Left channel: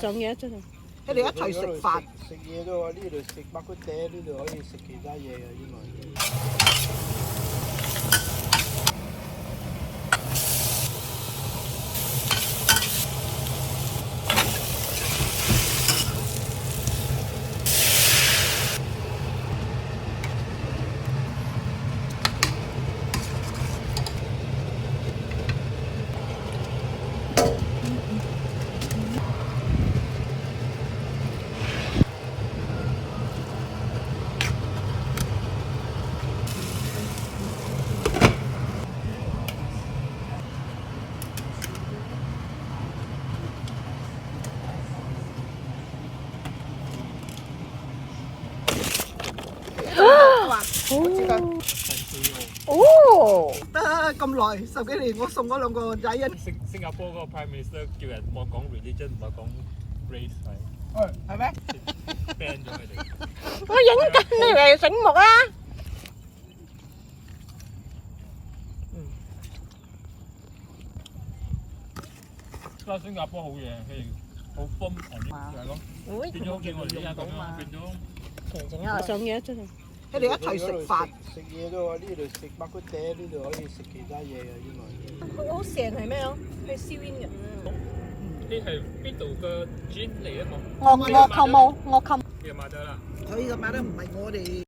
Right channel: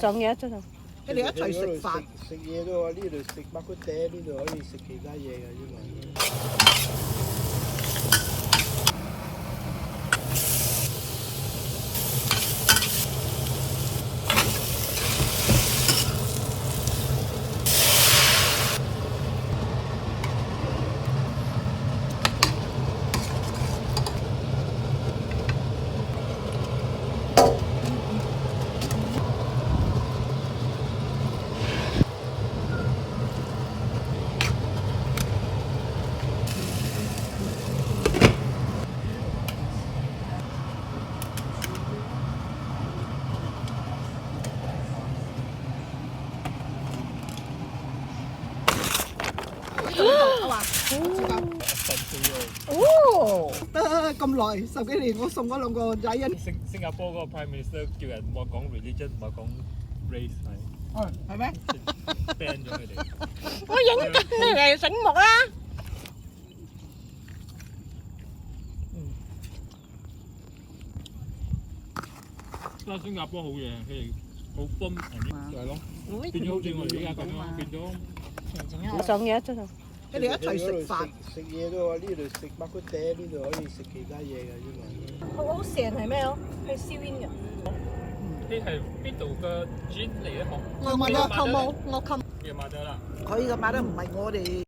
上嘢真係。佢哋一齊食飯。食嘢都話呢度食白骨嗲，呢度可以食其他嘢嘅呢個。哦，得咁耐10幾年，我送嗰兩個仔啊。新加坡嗰個 Prime Minister 叫人唔好講 religion， 唔好講 race 係咩？ ban 咗佢哋。我影緊你嚟醒目啊！新加坡好嘢，佢哋好幫人係咯，變咗好似我哋而家咁樣，變咗。上嘢真係。佢哋一齊食飯。食嘢都話呢度食白骨嗲，呢度可以食其他嘢嘅呢個。好成係咩咯？係燒煙嘅。呢係邊度嘅 gin 嚟咧？我冚冇，我冚。嘅馬德啦。佢嘅買得唔係我哋。